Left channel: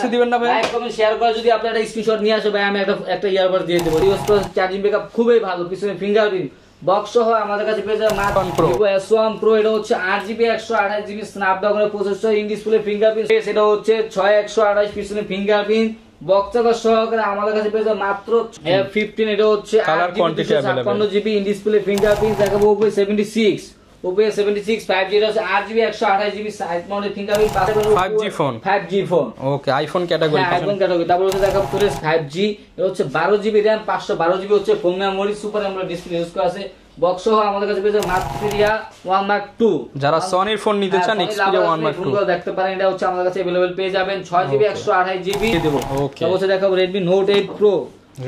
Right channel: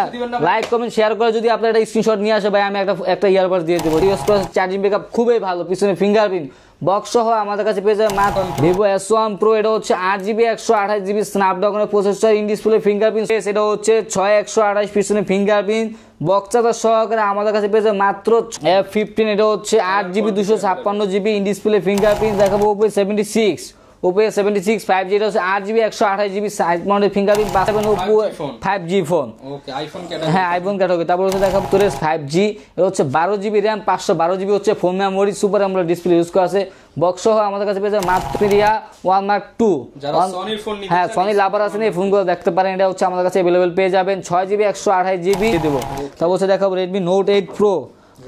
কিছু দিবেন না ভাই? লাইক কমেন্ট শেয়ার করে যদি আপনারা একটা স্ক্রিনশট নিয়ে আসে ভাই, আমি একটা ইয়ারবাডস দিয়ে দেব। ইউজ করার চার্জিং ব্যাকআপ খুবই ভালো, পিছনে ফিঙ্গারপ্রিন্ট বক্স সহ আমাদের কাছে পেয়ে যাবেন Vivo S1 Pro। এটা হচ্ছে 8GB 128GB স্ন্যাপড্রাগনের প্রসেসর, ইন ডিসপ্লে ফিঙ্গারপ্রিন্ট। এটা হচ্ছে 6128, পিছনে ফিঙ্গারপ্রিন্ট বক্সের সহকারে আমাদের কাছে পেয়ে যাবেন মাত্র F15। এটা হচ্ছে 8GB 256GB in display fingerprint. দেখাবো Oppo A76, Oppo A76 5G, এটা হচ্ছে 8GB 128GB side mounted fingerprint পাবেন। Oppo 5G ফোন, ওকে আইফোন ক্যাটাগরি, হ্যাঁ আইফোন ক্যাটাগরি। তারপর হচ্ছে দেখাবো Torres 5G, এটা হচ্ছে 12GB RAM 512GB হচ্ছে phone memory, super AMOLED display use করা আছে। বক্স সহ আমাদের কাছে পেয়ে যাবেন Xperia 1 Mark II। যারা সনির ফোন নিতে চান সনি লাভার আছেন এই ফোনগুলো দেখতে পারেন। এটা হচ্ছে আমাদের কাছে अवेलेबल পেয়ে যাবেন 6GB 128GB দেব। তারপর হচ্ছে দেখাবো Redmi Note 8 Pro,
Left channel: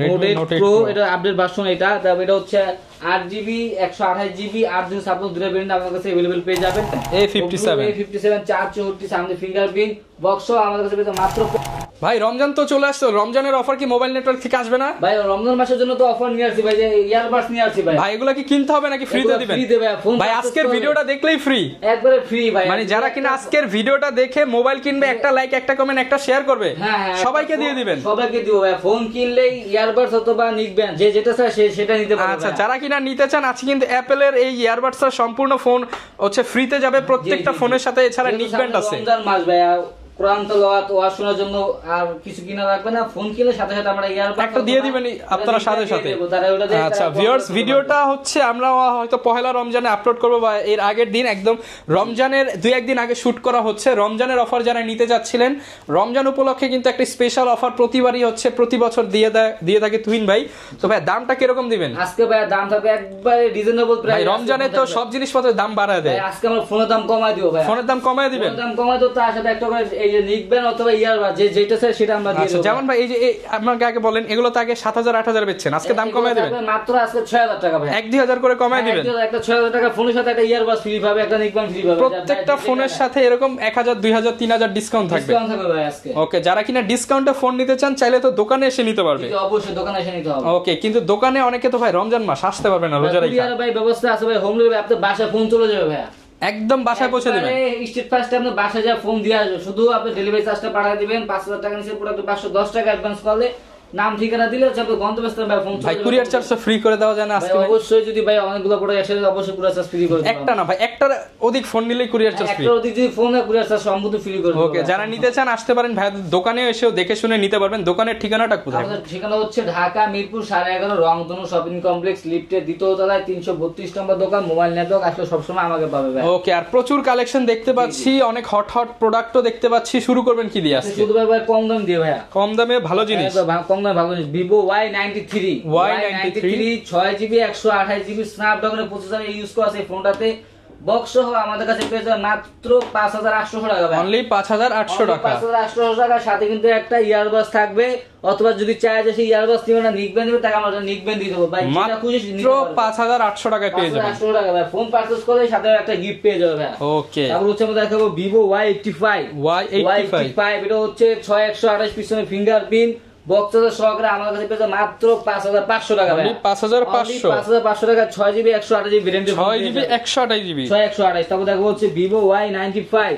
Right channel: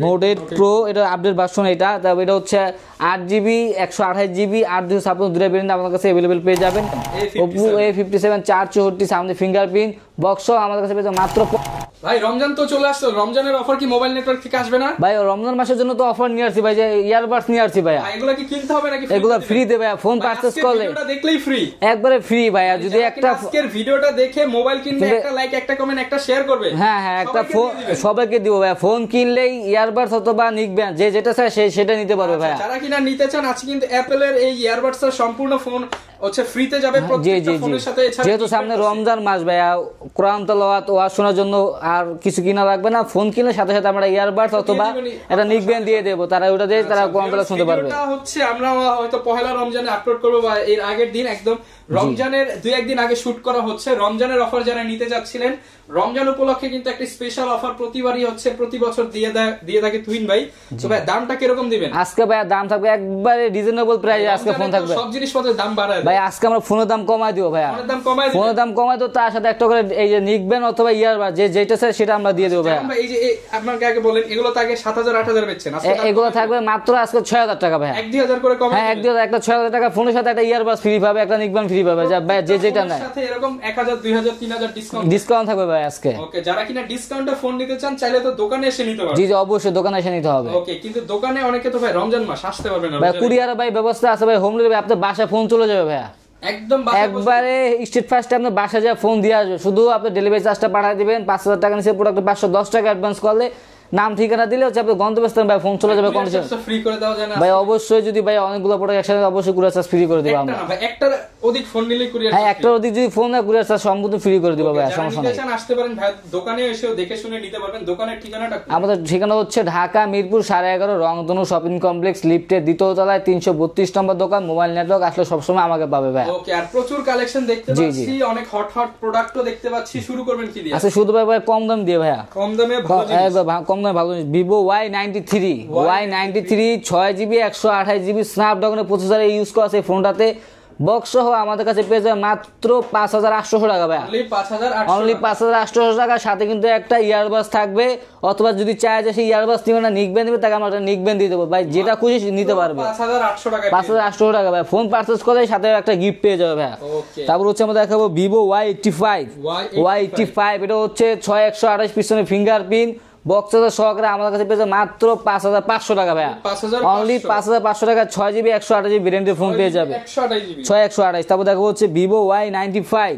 Note 8 Pro এটা আপডেট ভার্সন। এটা এটা হচ্ছে 8GB 128GB 856 দুটো ভেরিয়েন্ট আমাদের কাছে अवेलेबल পেয়ে যাবেন। A57 464 সামনে ফিঙ্গারপ্রিন্ট বক্স আমাদের কাছে পেয়ে মাত্র। ভাই রমজান তো চলে আসছে, রমজানের অফার কি মোবাইল নেটওয়ার্ক থেকে আসবে না? ভাই রমজান মাসের জন্য তো অফার নিয়ে আসি ভাই, ইয়ারবাডস নিয়ে আসি ভাই। ভাই এগুলা কি কিনতে হবে নাকি ফ্রি দিবেন? ফ্রি দেবে, ফোন পারচেজ করলে ভিডিওটা দেখলেই ফ্রি, একবারে ফ্রি ভাই। মানে যারা কিনা আজকের ভিডিওটা দেখে মোবাইল কিনবে, একটা লাইক একটা কমেন্ট একটা শেয়ার করবে, হ্যাঁ সবাইকে দিয়ে দিবেন, সবাইকে দিব ভাই। ফোন কিনলেই ইয়ারবাডস অথবা নিকবেন যে যেটা চায় সেটা নিতে পারবে। আচ্ছা যারা কিনা নিতে চান আজকে কিন্তু অ্যাপলের এই ইয়ারবাডস এর সম্পূর্ণ ফোন হচ্ছে ফ্রিতে যাবে প্রত্যেকটা ফোনের সাথে। এছাড়া নিকবেন আছে রমজান মাস ভাই, কোরআন তেলাওয়াত ওয়াজ শোনার জন্য আর কিছু কিনা লাগবে না। ফোন কিনলে সাথে সাথে আমরা ইয়ারবাডস দিয়ে দিবেন, এটা নিকবেন দিয়ে দেব। তারা ওটা দেয়, তারা ভিডিওটা হচ্ছে আমরা হয়তো পহেলা রমজানে আপলোড করব বা এর আগের দিন, একদম রমজানের 2-1 দিন আগে শুট করা হচ্ছে। রমজানের অফার যারা নিতে যাচ্ছিলেন, রমজান উপলক্ষে কিন্তু একটা স্পেশাল অফার প্রতিবারই হচ্ছে, প্রতি বছর দিয়ে থাকে তুহিন ভাই। তো ভাই দামটা কি রকম দিবেন আজকে? ভাই দাম থাকবে একবারে রিজনেবল প্রাইস। রমজানে তো সব জিনিসপত্রের দাম বাড়ায় দেয় ভাই, আজকে আমরা ফোনের দাম কমাই দিব ভাই। ফোনের দাম কমাই দিবেন? ফোনের দাম কমাই তো তার সাথে একটা করে এই যে নিকবেন অথবা ইয়ারবাডস যেটা চাই সেটা আমরা দিয়ে দেব। যেমন ভাই এই যে আপনাকে আগে বলেন, এগুলো তো আগে 7000 8000 বেচছেন, আজকে দাম কমাই থাকবে মাত্র আজকে 6000 টাকা ভাই। 1-2000 করে কমাই দিবেন। একটা 6000 টাকা ফোনের সাথে একটা ইয়ারবাডস ফ্রি পাবে, একটা নিকবেন ফ্রি পাবে। যা ভাই যে যেটা ফোনের সাথে এরকম 1000 2000 3000 ডিসকাউন্ট থাকবে ভাই আজকে। ওকে যারা কিনা ডিসকাউন্টে ফোন নিতে চান চাইলে তো দোকানে এসে নিতে পারবেন। জি জি অবশ্যই দোকানে এসে নিতে হবে। ওকে কিন্তু দোকানে অনেকে তো ভাই রমজান মাস আসতে পারবে না, ভাই কুরিয়ার ভাই ব্যবস্থা আছে ভাই, হোম ডেলিভারি আপনার বাসায় ফোন চলে যাবে ভাই, একদম বাসায় পৌঁছে দিবেন। স্ট্রিট ফাস্টে আপনার বাসায় যা ফোন দিয়ে আসবে, শুধু আপনি ডেলিভারি চার্জটা পাঠিয়ে দিবেন। 5000 টাকা নিচে প্রোডাক্ট 510 টাকা অ্যাডভান্স করলে নাম ঠিকানা দিলে হচ্ছে আপনি গন্তব্যস্থানে ভাই ফোন চলে যাবে। কুরিয়ার চার্জটা ফ্রি করে দেওয়া যায় না ভাই? অবশ্যই যদি ভাই অনেকগুলো প্রোডাক্ট একসাথে অবশ্যই কুরিয়ার চার্জ ফ্রি করে দেব। একটা না ভাই, একটার অধিক ফোন নিলে কুরিয়ার চার্জ ফ্রি, একটার অধিক যদি ফোন না কুরিয়ার চার্জ সম্পূর্ণ ফ্রি করে দেব। ওকে যারা নিতে চান আসতে পারেন ভাই, দোকানে এসেও দেখে শুনে নিতে পারবেন। দোকানের ঠিকানাটা কোথায়? আমাদের ঠিকানা হচ্ছে ঢাকা মিরপুর 11.5 রংধনু শপিং কমপ্লেক্স, লিফটের দ্বিতীয় তলায় 332 নম্বর দোকান। মোবাইল নেটওয়ার্ক আসলে সবসময় আমাকে পাবে ভাই। ওকে আর প্রচুর কালেকশন দেখতে পাচ্ছি, অনেক হট প্রোডাক্টও দেখতে পাচ্ছি। শুরু করবেন কি দিয়ে? আচ্ছা শুরু ভাই কম দাম দিয়ে ভাই, কম দামে ভালো জিনিস, কম দামে ভালো জিনিস। Vivo Y93 6GB 128GB স্ন্যাপড্রাগনের প্রসেসর ইউজ করা আছে ফোনটাতে। বক্স সহ আমাদের কাছে পেয়ে যাবে মাত্র 5800 টাকা ভাই, অনলি 5800 টাকা। সাথে কিন্তু একটা ইয়ারবাডস থাকবে, অথবা যদি চায় যে সেই ইয়ারবাডস নিবে না নিকবেন নিবে, তাকে আমরা নিকবেন দিয়ে দেব ভাই, যেটা খুশি নিতে পারবে। 5800 টাকা পেয়ে যাবেন, 5800 টাকা ভাই। ফোন পারচেজ করলে সাথে একটা গিফট পেয়ে যাবে ভাই। ওকে তারপর হচ্ছে আমরা দেখাবো Vivo Y85 এটা হচ্ছে 6128, পিছনে ফিঙ্গারপ্রিন্ট বক্সের সহকারে আমাদের কাছে পেয়ে মাত্র 5500 টাকা ভাই। 5500 টাকা 6GB 128GB ভেরিয়েন্টের ফোন পেয়ে যাবে, 128। তারপর দেখো হচ্ছে Vivo Y95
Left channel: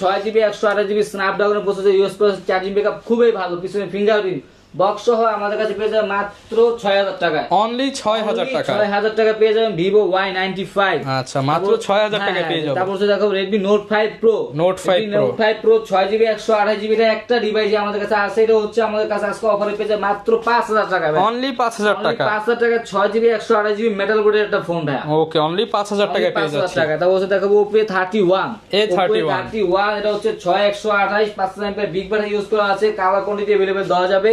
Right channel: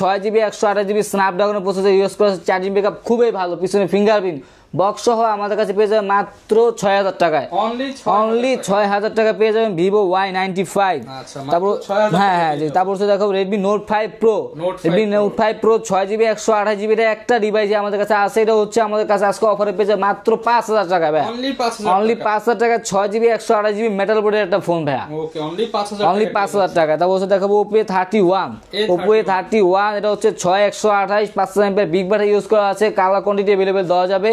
6GB 128GB স্ন্যাপড্রাগনের প্রসেসর ইউজ করে, চার্জিং ব্যাকআপ খুবই ভালো, পিছনে ফিঙ্গারপ্রিন্ট বক্স সহ আমাদের কাছে পেয়ে যাবেন মাত্র 6000 টাকায়, অনলি 6000 টাকা পেয়ে যাবেন Vivo Y95। আচ্ছা মাত্র 6000 টাকা পেয়ে যাবেন। তারপর দেখো Redmi Note 5 Pro 6GB 128GB এর একটা ডিভাইস আমাদের কাছে আছে। এটা হচ্ছে আমাদের কাছে আজকে অফারে পেয়ে যাবেন মাত্র 5000 টাকা ভাই, অনলি 5000 টাকা 6GB 128GB মেটাল বোর্ডের একটা ফোন ভাই। ওকে অনলি 5000 টাকা। তারপর দেখাবো Oppo A31 এটা হচ্ছে 6128 500 mAh বিগ ব্যাটারি ইউজ করা আছে, কালার কোয়ান্টিটি अवेलेबल দেওয়া যাবে।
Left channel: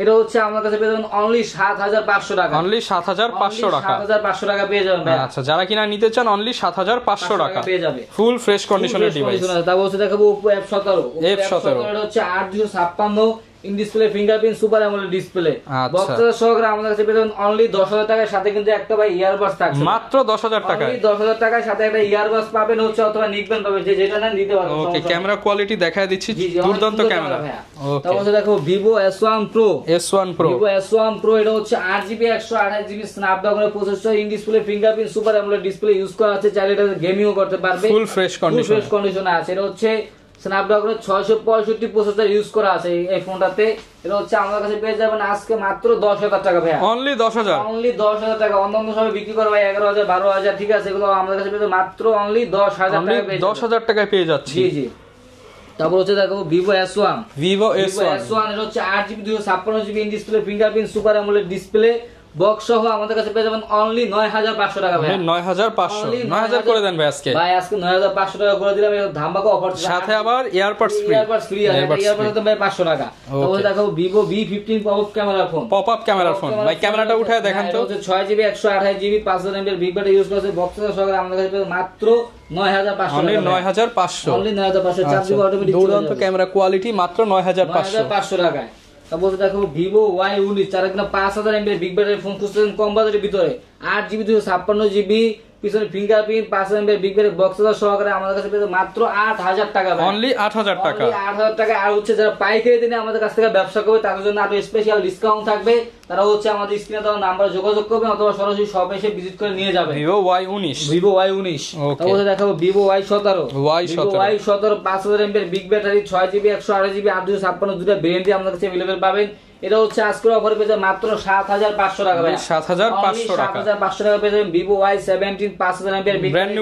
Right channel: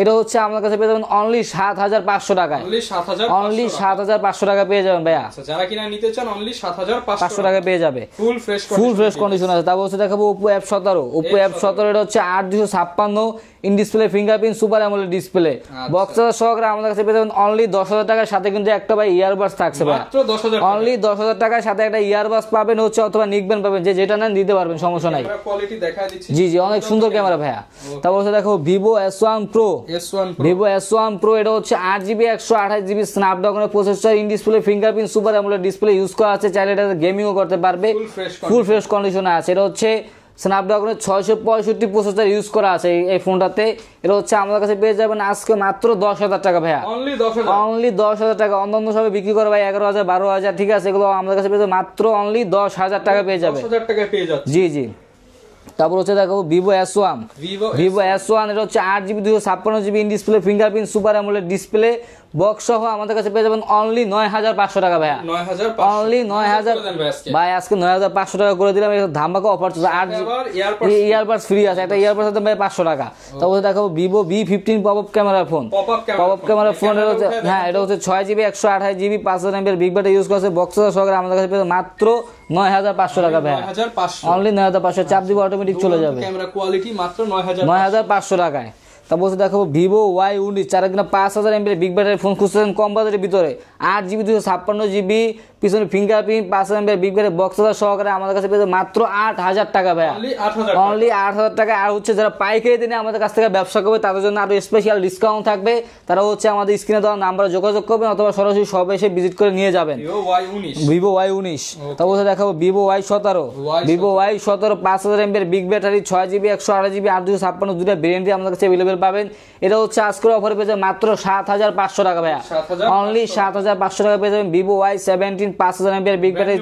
এটা হচ্ছে আমাদের কাছে পেয়ে যাবেন অনলি 7500 টাকা, অনলি 7500 টাকা পেয়ে যাবেন ভাই। আচ্ছা যারা কিনা নিতে চান অনলি 7500 টাকা পেয়ে যাবে, ফুল ফ্রেশ কন্ডিশন আছে। তারপর হচ্ছে দেখাবো Oppo F17 এটা হচ্ছে 8256 in display fingerprint super AMOLED display বক্সের সহকারে আমাদের কাছে পেয়ে যাবেন অনলি 10000 টাকার সাথে কিন্তু একটা ভাই ইয়ারবাডস থাকছে, মাত্র 10000 টাকা, অনলি 10000 টাকার সাথে একটা ইয়ারবাডস পাবেন হচ্ছে, অথবা নিকবেন পাবেন, যে যেটা না নিতে পারবেন, সমস্যা নেই। ক্যামেরা কোয়ালিটি দেখায় দিচ্ছি, জি জি অনেক সুন্দর ক্যামেরা ভাই। তারপর হচ্ছে দেখো Vivo S1 Pro এটা হচ্ছে 8GB 128GB স্ন্যাপড্রাগনের processor, in display fingerprint super AMOLED display use করা আছে, চাইলে এটা গেমিংও করতে পারবে, ফুল ফ্রেশ কন্ডিশনে আছে। এটা হচ্ছে স্ন্যাপড্রাগনের 665 প্রসেসর ইউজ করা আছে এই ফোনটাতে। এটা হচ্ছে আমাদের কাছে পেয়ে যাবেন আজকে মাত্র 10,000 টাকা ভাইয়া, অনলি 10,000, অনলি 10,000 টাকা। অন্যান্য সময় বিক্রি করে ভাই 11,000 12,000, ঠিক আছে, এগুলো আমাদের কাছে পেয়ে যাবেন মাত্র অনলি 10,000 টাকা পেয়ে যাবেন, 10,000 টাকা পেয়ে যাচ্ছে। জি জি। তারপর হচ্ছে দেখো ভিভো S1, ভিভো S1 এটা হচ্ছে 8GB 256GB in display fingerprint super AMOLED display box সহ আমাদের কাছে পেয়ে যাবেন অনলি 9,500 টাকা ভাই, 9,500, অনলি 9,000 করে দেন ভাই আজকে। ভাই আজকে 9,500 টাকা করে দিলাম, এটা ধামাকা অফার চলছে। সাথে আবার ইয়ারবাডস ফ্রি আছে, এটা ইয়ারবাডস তো 500 টাকা। তারপরে দেখো Vivo V15 pop up camera phone, pop up camera phone, ক্যামেরাটা উঠায় দেখেন তো। এটা হচ্ছে 6GB 128GB 5000 mAh big battery use করছে, বক্স সহকারে আমাদের কাছে পেয়ে মাত্র 9,500 টাকা, 9,500, অনলি 9,500, 4GB অটোমেটিক চলে যাবে, ক্যামেরা কোয়ালিটি মাত্র 9,500 টাকায়। তারপর দেখো Vivo Y19 5000 mAh big battery phone খুঁজছেন কম বাজেটের ভিতরে, 8GB 256GB পিছনে fingerprint 5000 mAh big battery box সহকারে আমাদের কাছে পেয়ে মাত্র 8,000 টাকা ভাই, অনলি 8,000 টাকা, অনলি 8,000 টাকা। আর হচ্ছে যারা পাইকারি দিনে আমাদের কাছ থেকে ব্যবসা করবে তাদের জন্য আরো স্পেশাল ডিসকাউন্ট থাকবে, তারা হচ্ছে আমাদের স্ক্রিনে দেওয়া নাম্বারে যোগাযোগ করবেন অথবা সরাসরি শপে এসে ভিজিট করে নিয়ে যাবেন। ভিভো Y19, ভিভো Y19, তারপর দেখাবো Vivo Y17, Vivo Y17 5000 mAh big battery 6GB 128GB 856 দুটো ভেরিয়েন্টই আমাদের কাছে अवेलेबल পাবেন। এটা হচ্ছে আজকের অফারে পেয়ে যাবেন মাত্র 7,500 টাকা ভাই, 7,500 টাকা পেয়ে যাবেন Vivo Y17 5000 mAh big battery,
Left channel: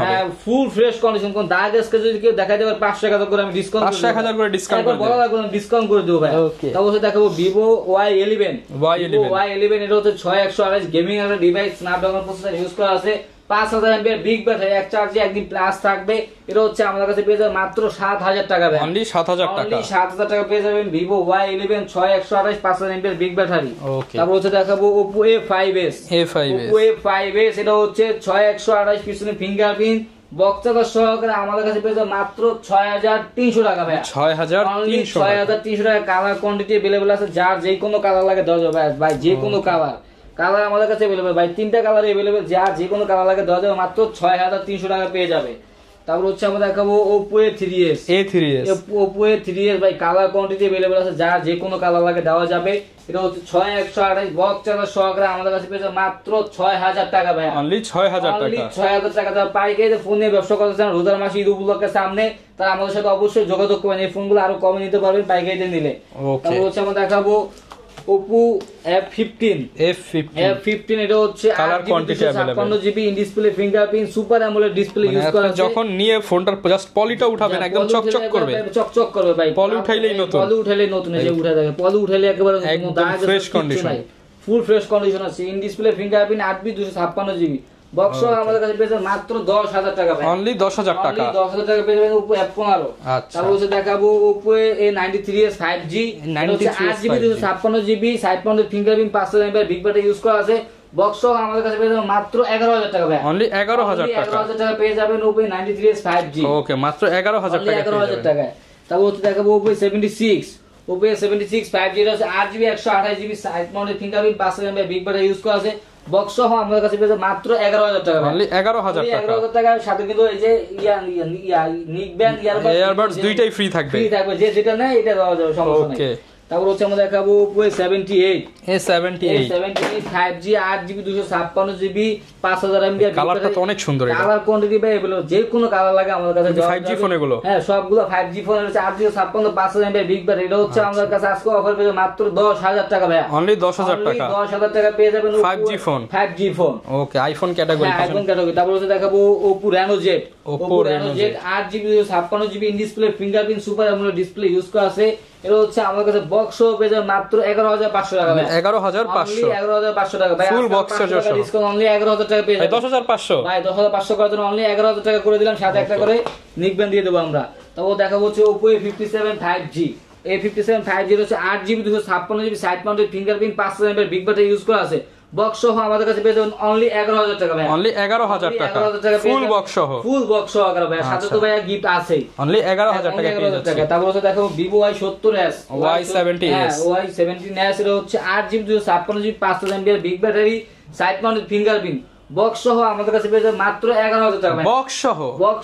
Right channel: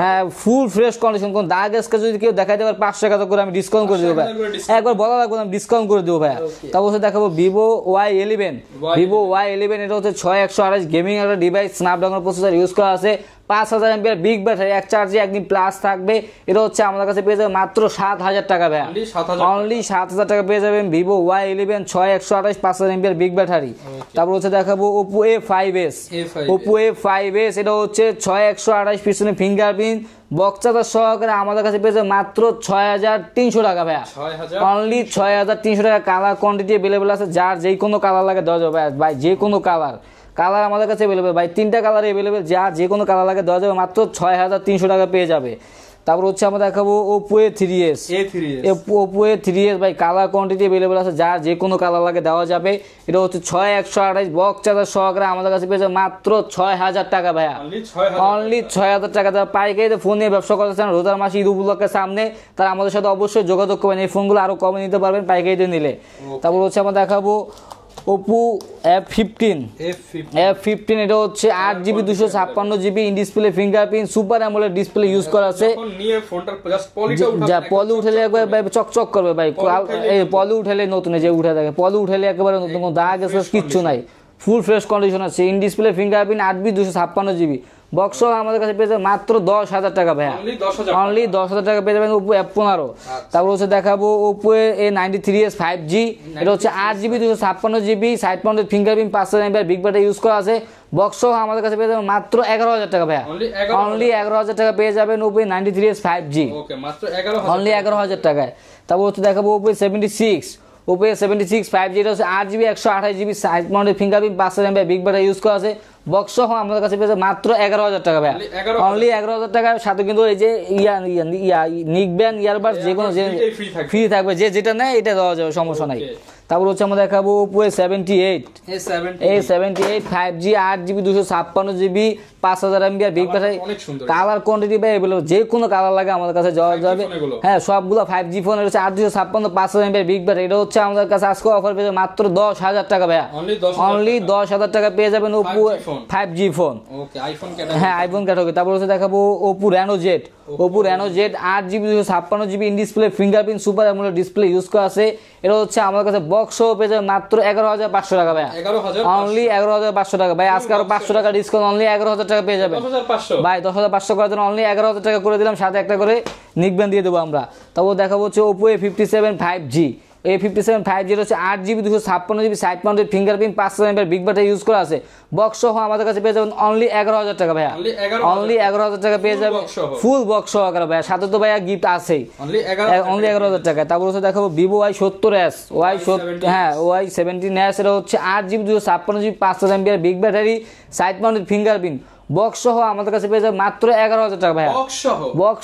হ্যাঁ ফুল ফ্রেশ কন্ডিশন, কোন দাগ স্কেচ যদি কেউ দেখাই দেবে 500 টাকা করে আমি ডিসকাউন্ট করে দেব, 500 করে ডিসকাউন্ট একবার বলা না কোনো ডিসকাউন্ট করে দেব ভাই। তারপর হচ্ছে দেখাবো ভিভো Y11, ভিভো Y11 এটা হচ্ছে 6128 গেমিং একটা ডিভাইস, স্ন্যাপড্রাগন প্রসেসর ইউজ করা আছে, 5000 mAh বিগ ব্যাটারি, এক চার্জে একদিন প্লাস থাকবে। এটা হচ্ছে আমাদের কাছে পেয়ে যাবেন মাত্র 7,000 টাকা ভাই, অনলি 7,000 টাকা, অনলি 7,000 টাকা পেয়ে যাবেন Vivo Y11 6128 5000 mAh big battery. তারপর হচ্ছে দেখাবো Oppo A5s, Oppo A5s এটা হচ্ছে 6128 পিছনে ফিঙ্গারপ্রিন্ট বক্স সহকারে আমাদের কাছে পেয়ে যাবেন মাত্র 6,300 টাকা ভাই, 6,300 টাকা। কালার কোয়ান্টিটি अवेलेबल আছে, যার যে কোনো কালার লাগে দেওয়া যাবে ভাই, যে কোনো কালার আমাদের কাছে अवेलेबल ভাই, 3টা কালার अवेलेबल, যার যে কোনো কালার লাগে দেওয়া যাবে মাত্র 6,300 টাকা পেয়ে যাবে। তারপর হচ্ছে আমরা দেখাবো Oppo A3s, Oppo A3s ভাই কালার কোয়ান্টিটি अवेलेबल আছে, যার যে কোনো কালার লাগে দেওয়া যাবে। এটা হচ্ছে 6128 বক্স চার্জার সহকারে আমাদের কাছে পেয়ে যাবে মাত্র 6,000 টাকা ভাই, অনলি 6,000 টাকা। যারা পাইকারি ফোন নিয়ে ব্যবসা করতে চান রোজার মাসে ঈদ উপলক্ষের সামনে, তারা আমাদের সাথে অবশ্যই যোগাযোগ করবেন, এই ফোনগুলো আরো কমে নিতে পারবেন পাইকারিতে নিলে। তারপর হচ্ছে আমরা দেখাবো Oppo F15, এটা হচ্ছে 8GB 256GB in display fingerprint super AMOLED display use করা আছে। যখন নিয়ে ফোনটার জাস্ট পলিটা উঠাবেন একদম চকচক করবে ভাই, পলি উঠাইলে নতুন এসে উঠে থাকে, পলি উঠাইলে একেবারে কোনো দাগ কিছু নাই, ফুল ফ্রেশ কন্ডিশন আছে। In display fingerprint 8GB 256GB box আমাদের কাছে পেয়ে যাবেন মাত্র 10,000 টাকা ভাই, অনলি 10,000 টাকা পেয়ে যাবেন Oppo F15। তারপর হচ্ছে দেখাবো Oppo A93s 5G, এটা হচ্ছে 8GB 256GB side mounted fingerprint 5000 mAh big battery use করা আছে, বক্স আমাদের কাছে পেয়ে যাবেন মাত্র 11,000 টাকা ভাই, অনলি 11,000 টাকা পেয়ে যাবেন Oppo A93s 5G, ওকে মাত্র 11,000 টাকায়। তারপর হচ্ছে দেখাবো Oppo A76, Oppo A76 5G এটা হচ্ছে 8GB 128GB side mounted fingerprint 5000 mAh big battery use করা আছে, বক্স আমাদের কাছে পেয়েছে মাত্র 11,000 টাকা ভাই, অনলি 11,000 টাকা। সাথে কিন্তু এই যে নিকব্যান্ড ইয়ারবাডস দুইটাই ফ্রি থাকবে, যে যেটা নেয় এটা দেওয়া যাবে, সমস্যা নাই। তারপর হচ্ছে আমরা দেখাবো Oppo A78, 5G 8GB 256GB 5000 mAh big battery, অনেক সুন্দর কালার কোয়ান্টিটি ভাই अवेलेबल, যে কোনো কালার লাগে আমাদের কাছে দেওয়া যাবে। হ্যাঁ সবগুলো 5G ফোন হচ্ছে 856 5000 mAh বিগ ব্যাটারি, এটা হচ্ছে আমাদের কাছে আজকে অফার পেয়ে মাত্র 10,000 টাকা ভাই, অনলি 10,000 টাকা পেয়ে যাবেন Oppo 5G ফোন, ওকে আইফোন ক্যাটাগরি, হ্যাঁ আইফোন ক্যাটাগরি। তারপর হচ্ছে দেখাবো Oppo Reno Z, 8GB 256GB in display fingerprint super AMOLED display use করা আছে, এটা হচ্ছে আমাদের কাছে বক্স সহ পেয়ে যাবেন মাত্র 11,500 টাকা ভাই, 11,500 টাকা ভাই, আজকে 500 টাকা ডিসকাউন্ট, অনলি 11,000 টাকা পেয়ে যাবেন, 10,500 ভাই 10,500 করে দেন, অনলি 11,000 টাকা করে দিলাম, সাথে একটা করে নিকব্যান্ড দিয়ে দেবো আমরা। তারপর দেখাবো হচ্ছে Oppo A57 5G, A57 5G হচ্ছে 8GB 256GB side mounted fingerprint 5000 mAh big battery use করা আছে, বক্স সহ আমাদের কাছে পেয়ে যাবেন অনলি 11,000 টাকা ভাই, অনলি 11,000 টাকা পেয়ে যাবেন ফুল বক্স সহকারে ভাই, সাথে তো ভাই গিফট আছে, অনলি 11,000 টাকা। তারপর হচ্ছে দেখাবো Vivo Y70s, Y70s এটা হচ্ছে 8GB 256GB 5000 mAh big battery side mounted fingerprint box সহ আমাদের কাছে পেয়ে যাবেন মাত্র 11,000 টাকা ভাই। বক্স সহ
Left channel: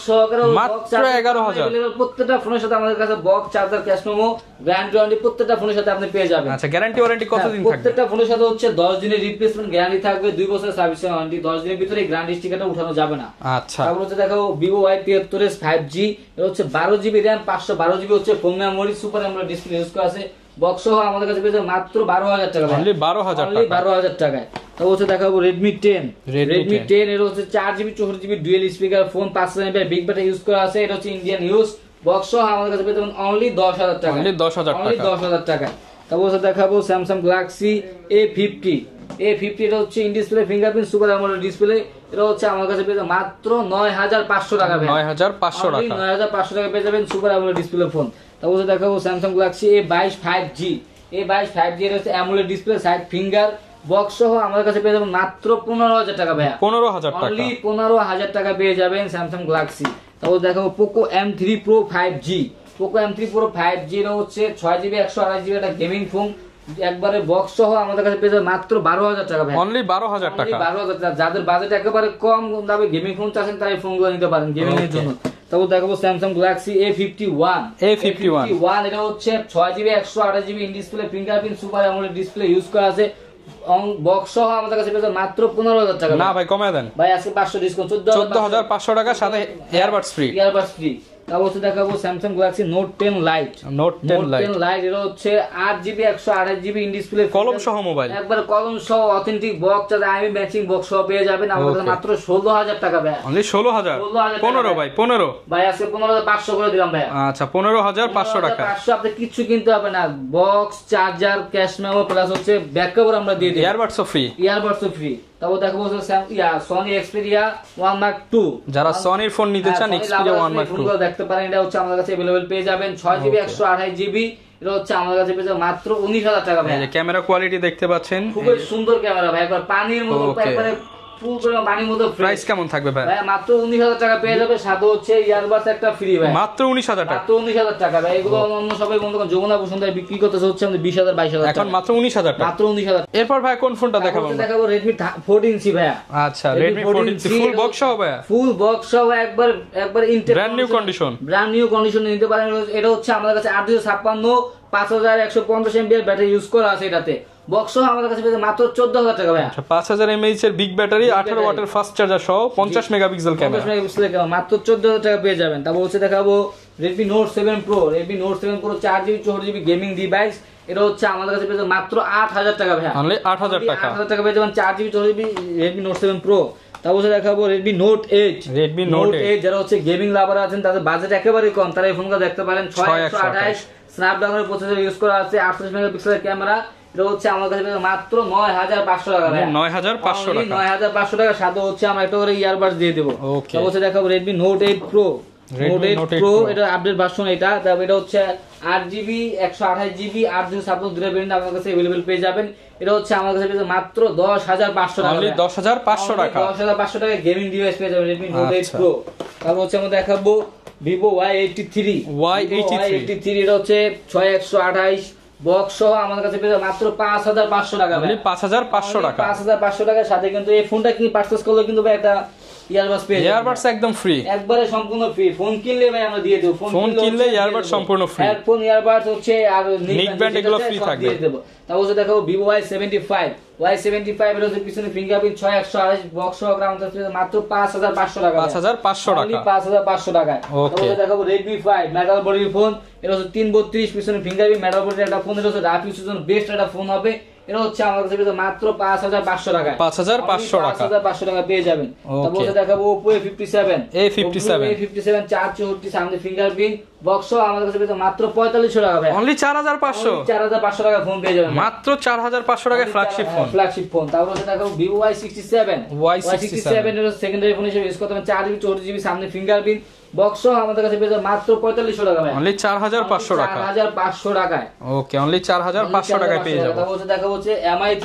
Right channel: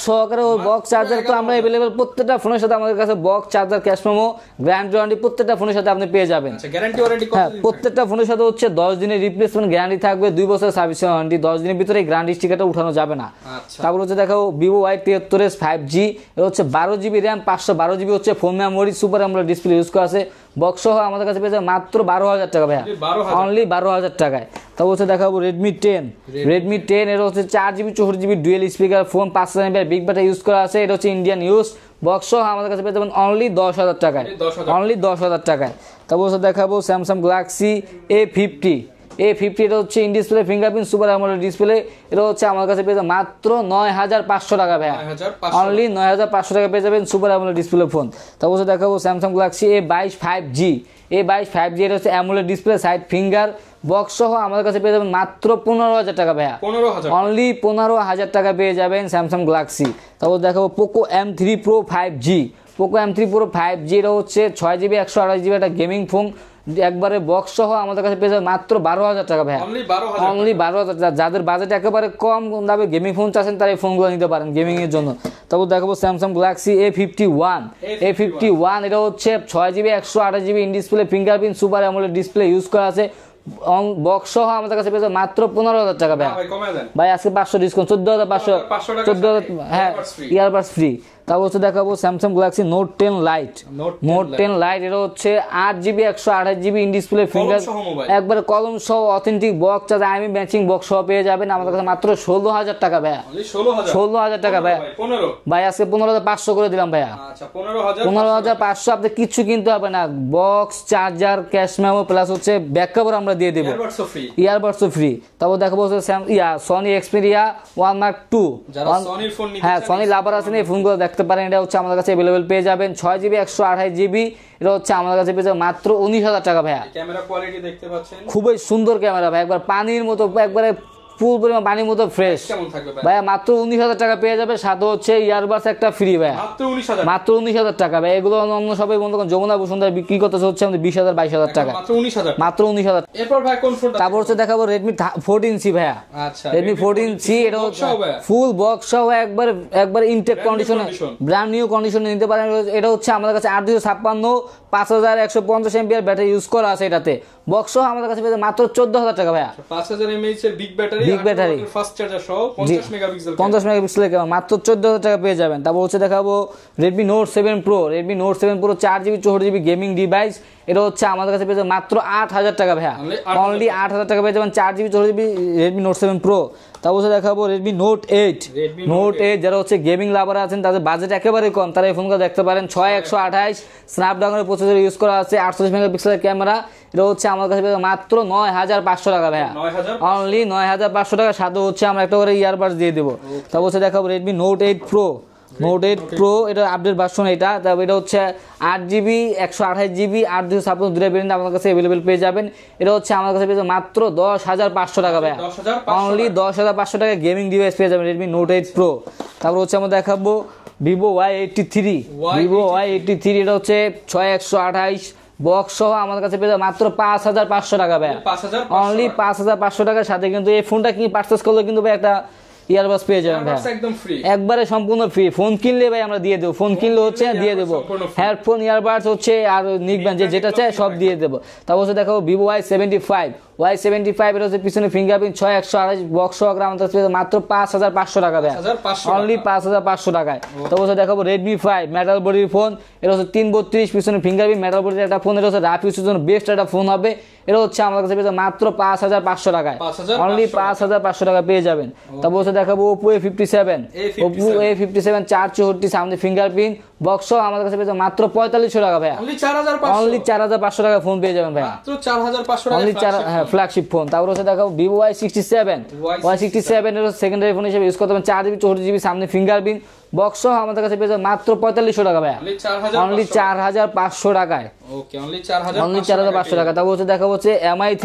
সহকারে বক্স চার্জার তো আমরা अवेलेबल প্রত্যেকটা ফোনের সাথে আমাদের কাছে box charger cash memo guarantee warranty প্রত্যেকটা ফোনের সাথে আপনি পেয়ে যাবেন। আচ্ছা গ্যারান্টি ওয়ারেন্টি কতদিন থাকবে? প্রত্যেকটা ফোনের সাথে হচ্ছে 10 দিনের রিপ্লেসমেন্ট গ্যারান্টি থাকবে, 2 বছরের সার্ভিস ওয়ারেন্টি, 10 দিনের ভিতরে গ্যারান্টি স্টিকারটা উঠানো যাবে না। আচ্ছা তারপর হচ্ছে দেখাবো Vivo Y73s 5G, এটা হচ্ছে 12GB RAM 512GB হচ্ছে phone memory, super AMOLED display use করা আছে। বক্স সহ আমাদের কাছে পেয়ে যাবেন মাত্র 12,000 টাকা ভাই, অনলি 12,000 টাকায়। তারপর হচ্ছে দেখাবো Redmi 10 এর হচ্ছে 4GB 64GB dual speaker phone, 5000 mAh big battery use করা আছে, এটা হচ্ছে ইন্ডিয়ান ইউজ। বক্স সহ আমাদের কাছে পেয়ে যাবেন অনলি 10,000 টাকা, অনলি 10,000 টাকায়। তারপর হচ্ছে দেখাবো Samsung Galaxy A50 এটা হচ্ছে in display fingerprint super AMOLED display, এটা হচ্ছে আমার কাছে পেয়ে যাবেন মাত্র 9,500 টাকা ভাই, 9,500 অনলি 9,500 টাকা পেয়ে যাবেন সুপার AMOLED ডিসপ্লে ফোন। তারপর হচ্ছে দেখাবো Samsung Galaxy A22 5G এটা হচ্ছে AMOLED display side finger, box সহ আমাদের কাছে পেয়ে যাবেন মাত্র 15,000 টাকা ভাইয়া, 15,000 অনলি 15,000 টাকা পেয়ে যাবেন Samsung Galaxy। তারপর দেখাবো Poco M3 Pro 5G এটা হচ্ছে 6GB 128GB একটা গেমিং ফোন, একবারে বক্স সহ আমাদের কাছে পেয়ে যাবে মাত্র 12,000 টাকা ভাই, অনলি 12,000 টাকা। যাদের বাজেট একেবারে কম দামে গেমিং ফোন চাচ্ছেন তারা এই ফোনগুলো নিতে পারেন গেমিং এর জন্য। তারপর দেখাবো Samsung Galaxy A51 এটা হচ্ছে 6GB 128GB in display fingerprint super AMOLED display use করা আছে, বক্স সহ আমাদের কাছে পেয়ে যাবে মাত্র 15,000 টাকা। না ভাই কমে দেন ভাই, আজকে 500 ডিসকাউন্ট, 14,500 টাকার সাথে ইয়ারবাডস ফ্রি। তারপর হচ্ছে দেখাবো Samsung Galaxy Note 10 Lite এটা হচ্ছে 8GB 128GB in display finger একবার কলম সহ অথেন্টিক বক্স আর আইএমআই ম্যাচিং বক্স সহ পেয়ে যাবেন আমাদের কাছে মাত্র 16,000 টাকা ভাই, অনলি 16,000 টাকা ভাই, 15 ভাই আজকে 15,500 করে দিলাম ভাই। আচ্ছা 15,500 আপনি কিছু কিনতে হবে না, box charger cash memo plus হচ্ছে ব্যাকআপ আমরা দিয়ে দেব, ইয়ারবাডস ফ্রি। তারপর দেখাবো Sony Xperia 1 Mark II, যারা সনির ফোন নিতে চান সনি লাভার আছেন এই ফোনগুলো দেখতে পারেন, এটা হচ্ছে আমাদের কাছে अवेलेबल পেয়ে যাবেন 6GB 128GB, এটা হচ্ছে আমাদের কাছে পেয়ে যাবেন মাত্র 19,000 টাকা ভাই। ক্যামেরা কোয়ালিটি দেখতে পাচ্ছেন, খুবই সুন্দর ক্যামেরা ভাই, একবার পানির মতো, একবারে ফুল পরিমাণ পানির মতো ফ্রেশ। কেমন থাকবে ভাই? ভাই মাত্র 19,000 টাকা পেয়ে যাবে, সাথে হচ্ছে ইয়ারবাডস একটা ফ্রি ভাই, মাত্র 19,000 টাকা ভাই। এগুলো অন্য সবাই বন্ধু যমুনা বসুন্ধরা বিক্রি করতেছে হচ্ছে আমাদের 20,000 22,000 টাকা, মাত্র 19,000। এরপর ভাই কোন ফোনটা দেখাবো? হচ্ছে দেখাবো Redmi 14C ভাইয়া। আচ্ছা Redmi 14C ফুল বক্স সহ একবার intact condition, brand new condition নিতে পারেন। এটা হচ্ছে আমাদের কাছে 856 5150 mAh ব্যাটারি ইউজ করা আছে এটাতে, বক্স সহ আমাদের কাছে মাত্র 14,000 টাকা ভাই। আচ্ছা 5000 mAh এর বিগ ব্যাটারি 18 ওয়াটের ফাস্ট চার্জার সহ 50 মেগাপিক্সেল ক্যামেরা মাত্র 14,000 টাকা পেয়ে যাবেন। তারপর হচ্ছে দেখাবো Redmi Note 7 Pro 4GB 64GB gaming device, এটা হচ্ছে আমাদের কাছে পেয়ে যাবেন মাত্র 8,000 টাকা ভাই, অনলি 8,000 টাকা পেয়ে যাবেন 4GB 64GB Redmi Note 7 Pro। তারপর দেখাবো Redmi Note 8 যারা হচ্ছে গেমিং লাভার আছেন তাদের বাজেট একেবারে কম, তারা এই ফোনগুলো দেখতে পারেন। 6128 স্ন্যাপড্রাগনের প্রসেসর ইউজ করা আছে, 48 মেগাপিক্সেলের ক্যামেরা, এটা হচ্ছে আমার কাছে মাত্র 9,500 টাকা ভাই, 9,500 টাকা। সাথে হচ্ছে আমরা একটা করে ইয়ারবাডস দিয়ে দেবো। তারপর হচ্ছে দেখাবো Redmi Note 8 Pro এটা আপডেট ভার্সন, এটা হচ্ছে 8GB 128GB 8/256 দুটো ভেরিয়েন্ট আমার কাছে अवेलेबल পেয়ে যাবেন। এটা হচ্ছে আমার কাছে পেয়ে মাত্র 10,500 টাকা, 10,500 টাকা গেমিং ডিভাইস পেয়ে যাবেন Redmi Note 8 Pro। তারপর হচ্ছে আমরা দেখাবো Vivo Y83 এটা হচ্ছে 6128 বক্স সহ আমাদের কাছে পেয়ে মাত্র 5,500 টাকা ভাই, 5,500 টাকার সাথে কিন্তু এই ফোনটা কি পারচেজ করলে কিন্তু ভাই একটা ইয়ারবাডস পেয়ে যাবেন, ইয়ারবাডস একদম ফ্রি, একবারে সম্পূর্ণ ফ্রি। ফোন কিনলে ভাই আমরা দিয়ে দেব, ফোন কিনলে হচ্ছে ইয়ারবাডস সম্পূর্ণ ফ্রি, হেডফোন ইয়ারবাডস হচ্ছে আর নিকব্যান্ড যেটা আছে সব দিয়ে দেব। তারপর হচ্ছে দেখাবো Vivo Y75 এর হচ্ছে পিছনে ফিঙ্গারপ্রিন্ট 6128 বক্স সহ গ্রাম আছে মাত্র 5,500 টাকা, 5,500 টাকা। তারপর হচ্ছে দেখাবো Redmi 5 মেটাল বডির ফোন, এটা হচ্ছে 332 পিছনে ফিঙ্গারপ্রিন্ট মেটাল বডির একটা ফোন, এটা হচ্ছে রাফ ইউজের জন্য বেস্ট একটা ফোন হবে। এটা হচ্ছে আমার কাছে মাত্র 5,500 টাকা, 5,500 টাকা পেয়ে যাবেন। তারপর হচ্ছে দেখাবো Oppo A57 464 সামনে ফিঙ্গারপ্রিন্ট বক্স সহ আমাদের কাছে মাত্র 4500 টাকা ভাই, অনলি 4,500 টাকা ফোন পেয়ে যাবেন, মাত্র 4,500 টাকা ফ্ল্যাগশিপ ফোন। তারপর হচ্ছে দেখাবো Vivo Y67 এর সেকেন্ডারি ফোন হিসেবে ইউজ করতে পারেন, 4GB 64GB সামনে ফিঙ্গারপ্রিন্ট বক্স আমাদের কাছে পেয়ে যাবেন মাত্র 4500 টাকা ভাই, অনলি 4,500 টাকায়। ওকে, অনলি 4,500 টাকা। তারপর হচ্ছে দেখা হচ্ছে MI3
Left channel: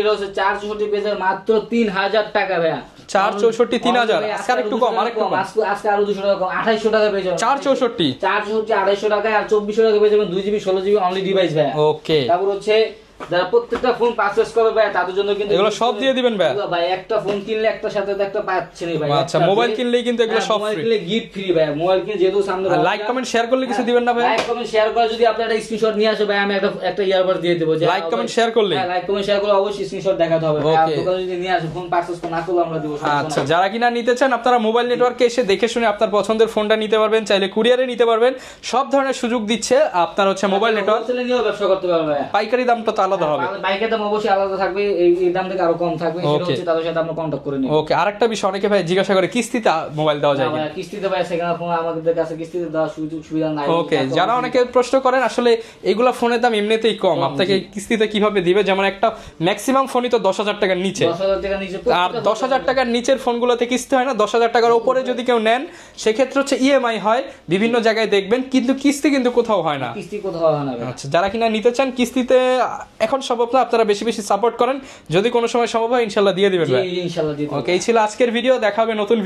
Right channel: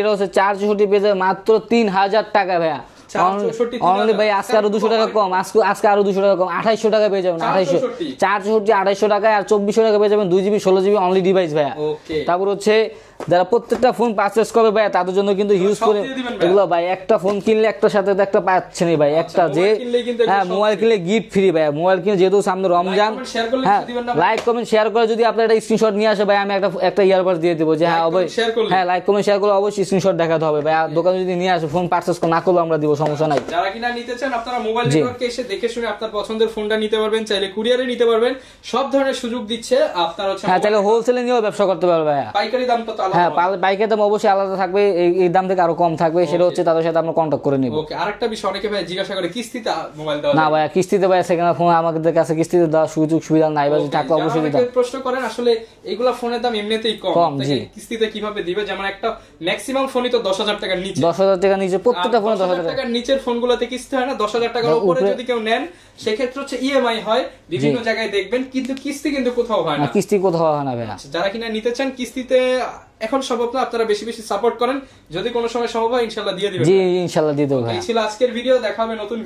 এর হচ্ছে 464 পেয়ে যাবেন মাত্র 3,000 টাকা ভাই, 464 3,000 ভাই, আজকে আরো 200 টাকা কম, আজকে আরো 200 টাকা কম, 2800 টাকা পেয়ে যাবেন, 464 2800 টাকা, আর 2400 টাকা পেয়ে যাবেন 2GB 16GB অনলি ডিভাইস ভাই। ওকে, তারপর হচ্ছে যারা প্রত্যেকটা ফোন পারচেজ করবে ভাই তাদের জন্য কিন্তু এগুলো সব দিয়ে দিবেন ভাই। এগুলো ভাই একটা ফোন কিনলে একটার সাথে তো একটা পাচ্ছেনই ভাই। আচ্ছা, একটা মোবাইল কিনলেই কিন্তু এগুলো সব মোবাইল কিনলে গিফট ফ্রি ভাই। মোবাইল কিনে যেহেতু সামনে রমজান, লাইক কমেন্ট শেয়ার করলে কিছু দিবেন না ভাই? লাইক কমেন্ট শেয়ার করে যদি আপনি একটা স্ক্রিনশট নিয়ে আসে ভাই আমি একটা ইয়ারবাড দিয়ে দেব। যে লাইক কমেন্ট শেয়ার করলে হ্যাঁ লাইক কমেন্ট শেয়ার করলে অবশ্যই স্ক্রিনশট দেখাতে হবে ভাই। আর দোকানে যদি নিয়ে আসে ফোন পারচেজ না করলে আমরা দিব, সমস্যা নাই। যারা কিনা নিতে চান আপনারা মোবাইল নেটওয়ার্কে এসে দেখে শুনে আপনার পছন্দের ফোনটা নিতে পারবেন, চাইলে কুরিয়ারে নিতে পারবেন, সব ধরনের সুযোগ দিচ্ছে। আপনার হচ্ছে মোবাইল হোলসেলে নিয়েও ব্যবসা করতে পারবে ভাই। পাইকারি দামটা তো আলাদা হবে। পাইকারি দাম অবশ্যই আলাদা থাকবে, এই দাম থেকে আরো কম থাকবে, সেটা হচ্ছে তাদের সাথে আপনি কন্টাক্ট করে নিন। ওকে, আরেকটা বিষয় অনেকে ভাই জিজ্ঞাসা করে কিস্তিতে মোবাইল দেওয়া যায় না ভাই? কিস্তিতে ভাই সেকেন্ড ফোন আমাদের কাছে কিস্তিতে দেওয়ার সুযোগ সুবিধা নাই। ওকে, যারা অনেকে প্রশ্ন করেন আসলে এগুলা ফোনের দাম এমনিতেই কম, আপনাকে কিস্তিতে কিভাবে দিবে? যেমন একটা ম্যাক্সিমাম ফোনই তো 10,000 টাকার নিচে, 10,000 টাকার নিচে প্রত্যেকটা 10,000 টাকার নিচের ফোনগুলোতে কিস্তি হয় না। 10,000 টাকার উপরে যদি কেউ নেন সেক্ষেত্রে হচ্ছে ইএমআই হয়, বিভিন্ন জায়গায় দেখবেন, কিন্তু কিস্তি কিন্তু কোথাও হয় না। কিস্তি কোথাও হয় না ভাই। আচ্ছা, যারা কিনা নিতে চান কিস্তিতে এখন সম্ভব না, আপনারা বেশি বেশি সাপোর্ট করেন, যদি কোনো সময় সম্ভব হয় ইনশাআল্লাহ দিয়ে দিবেন। জি ইনশাআল্লাহ দিয়ে দেব। ওকে, এই ছিল আজকের ভিডিও, দেখা হবে নতুন